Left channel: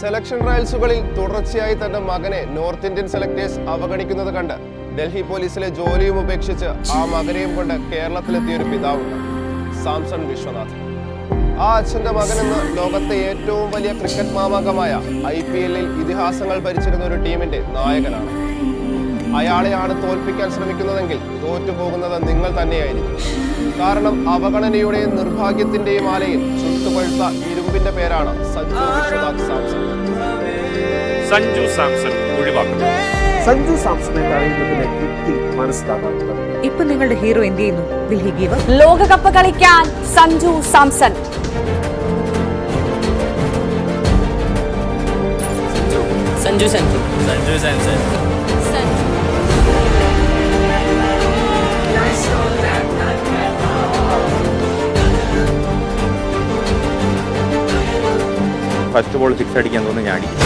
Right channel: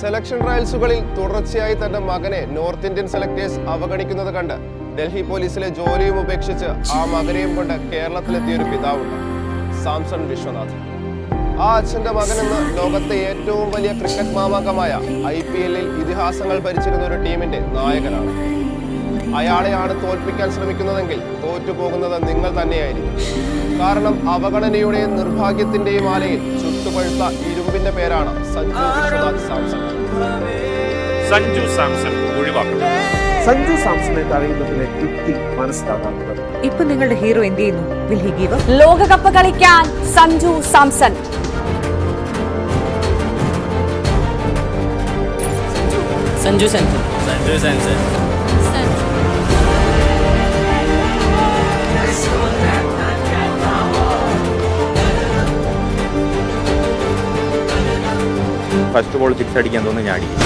Selection ട്രയൽസുകളിൽ തുടർച്ചയായി തന്റെ മകനെ നോർത്ത് ഇന്ത്യൻ സെലക്ടേഴ്സ് അവഗണിക്കുന്നത് കണ്ട് ഡൽഹി പോലീസിലെ ജോലിയും ഉപേക്ഷിച്ച് ആ മകനെയും കൊണ്ട് കേരളത്തിലെത്തിയ ഒരു പിതാവുണ്ട്, സാംസൺ വിശ്വനാഥ്. ആ അച്ഛന്റെ മകനെന്ന് ലോകത്തെ ഏറ്റവും വലിയ ക്രിക്കറ്റ് മാമാങ്കമായ IPL-ൽ ഇതിഹാസങ്ങൾ ഭരിച്ചിരുന്ന ഒരു ടീമിന്റെ നായകനാണ്. അയാളെയാണ് തോൽപ്പിക്കാൻ ശ്രമിക്കുന്നതെങ്കിൽ തോറ്റുപോകുന്നത് നിങ്ങൾ തന്നെയായിരിക്കും. കാരണം അവഗണനയുടെയും നിർഭാഗ്യത്തിന്റെയും ആലയിൽ ചുട്ടുപഴുത്ത ഇരുമ്പിന്റെ പേരാണ് സഞ്ജു വിശ്വനാഥ് സാംസൺ. സഞ്ജു സാംസൺ ഒഴിവാക്കണം. സഞ്ജു സാംസണെ തടയുന്നതിന് യുക്തി മനസ്സിലാകാറുണ്ട്. ഇപ്പൊ നിങ്ങളുടെ ഹീറോ എന്ത് ചെയ്യുന്നു? Will he give up? ലോകകപ്പ് കളിക്കാൻ സഞ്ജു സാംസൺ. സഞ്ജു സാംസൺ. സഞ്ജു സാംസൺ. ഫസ്റ്റ് ബോൾ 6 അടിക്കാൻ തോന്നുന്നു, ഞാൻ അടിക്കും.